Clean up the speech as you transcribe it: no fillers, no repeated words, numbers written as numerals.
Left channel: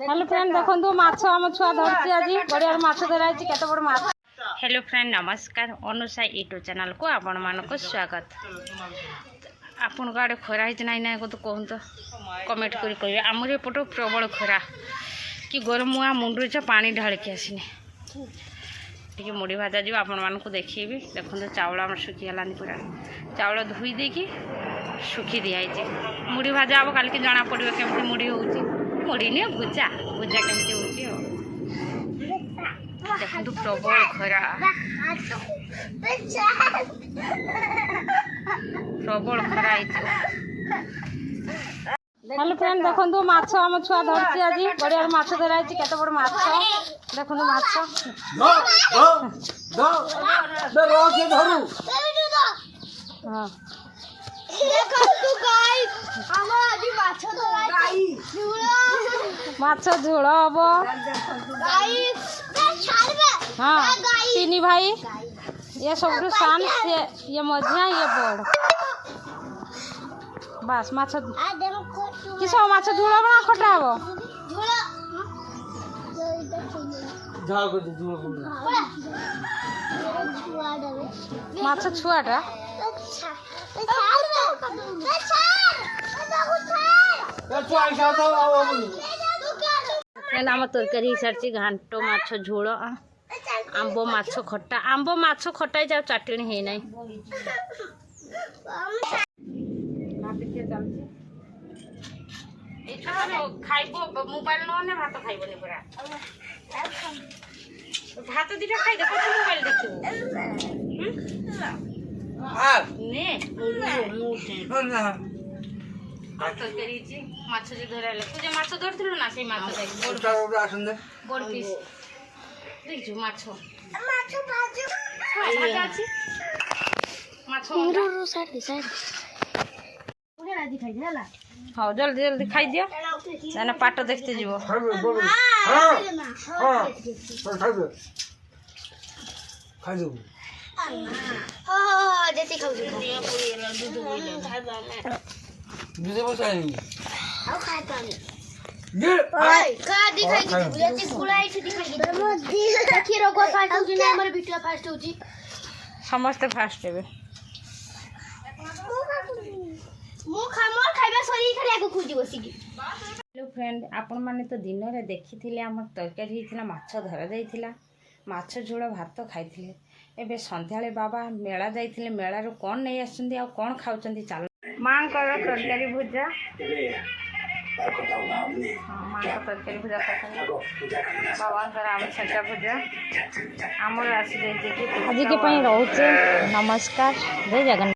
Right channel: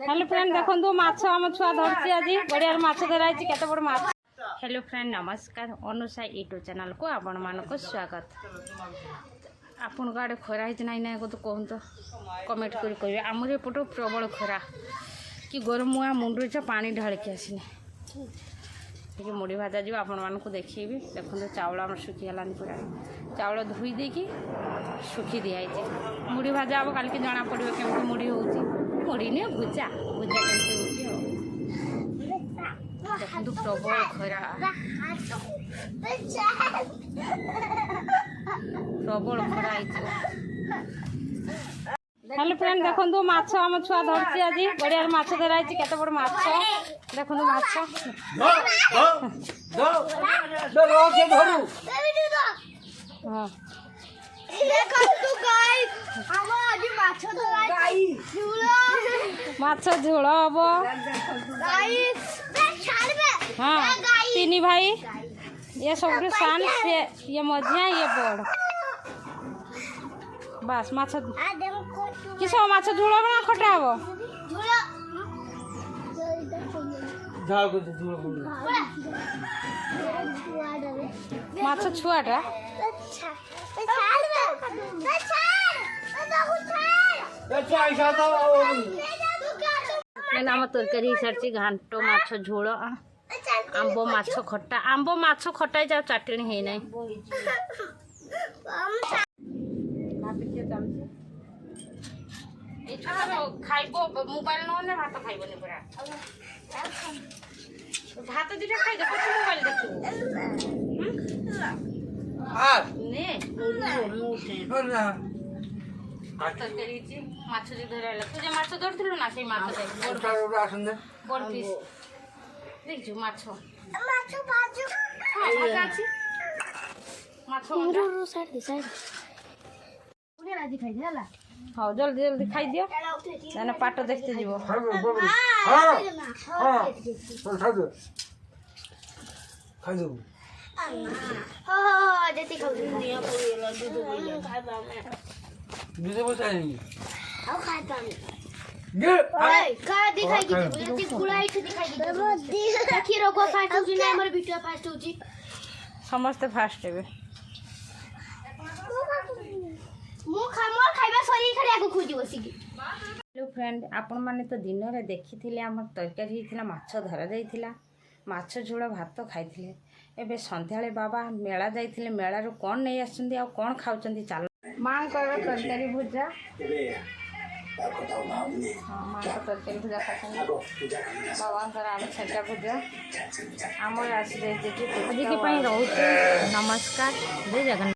Hello friend देखो माछ आम छुआ धरती आज गड़िया माछ धराई केते बड़ माछ। हेलो फ्रेंड नमस्कार अनुषा यूट्यूब चैनल को आपण मानक स्वागत। आपण आड़े खरा ही ना ना तो कहतु कमेंट कर कहे आमर एपट प्रबल खरा कि गरम मुआ मुंड पानी ढालिकी आसनी टी मुड़ी भाजा जी आपण मानक देखी देखो चाउल आम सुखीगलानी पूरा चाउल धोई देकी सुखी दिखाई मुड़ी भाजा हम काल की जना पड़ो केमती मुड़ी हो मुड़ी नहीं भुजा भुजा केमती हो देखो प्रबल खरा प्रबल खरा। हेलो फ्रेंड देखो माछ आम छुआ धरती आज गड़िया माछ धराई केते बड़ माछ देखो माछ हाँ माछ झोल हम हाँ तीन भाई ये सब सान से ये मझिया ये बड़ बस माछ किस माछ झोल बना खटा हम माछ छुआटा आम तरकारी सारी घाट माछ झोल आंब माछ खटा आंब माछ खटा जा चाटणी है ना खाइब मोबाइल ना भात खाइबनी पूरा भात दीटा खाई देख मोबाइल देखू माछ जो धरला तुझे माछ धरथिलु ना से माछ बड़ पीस देखजु माछ माछ भाजु भाजा अछि माछ रो साइड दे साइड पुणे राजी खाइ देला हां जल्दी जल्दी खाइ दियो ना पाट देखते जीवो हां खाइ दो हां जति खाउ दूध बसाई आओ खाइ पानी ओए का दिखाई दे जति गुलाई छ दिखाई दे देखि रोगो फास्ट हो जी हमर वीडियो फास्ट हो जी समस्त फास्ट हेबे मो खाइबा सरी खड़ी आगु खुजी बसिकी। हेलो फ्रेंड आपण माने तो दिन रे देखिथिले हमर तरकारी हिथिला माछ धरा जाइथिला माछ झोल भात खाइथिले एबे संध्याळे बाबा मेला जाइथिले मेला रो कोन नै आछंदी आ कोन खाउचंदी चाल मां कर तरकारी भुजा हाँ मां का तरकारी भुजा खाइछंदी बाबा कर आम छटा भुजा आमर आसी जाइते कि आज के पई रहउचे नमस्कार जय जगन्नाथ।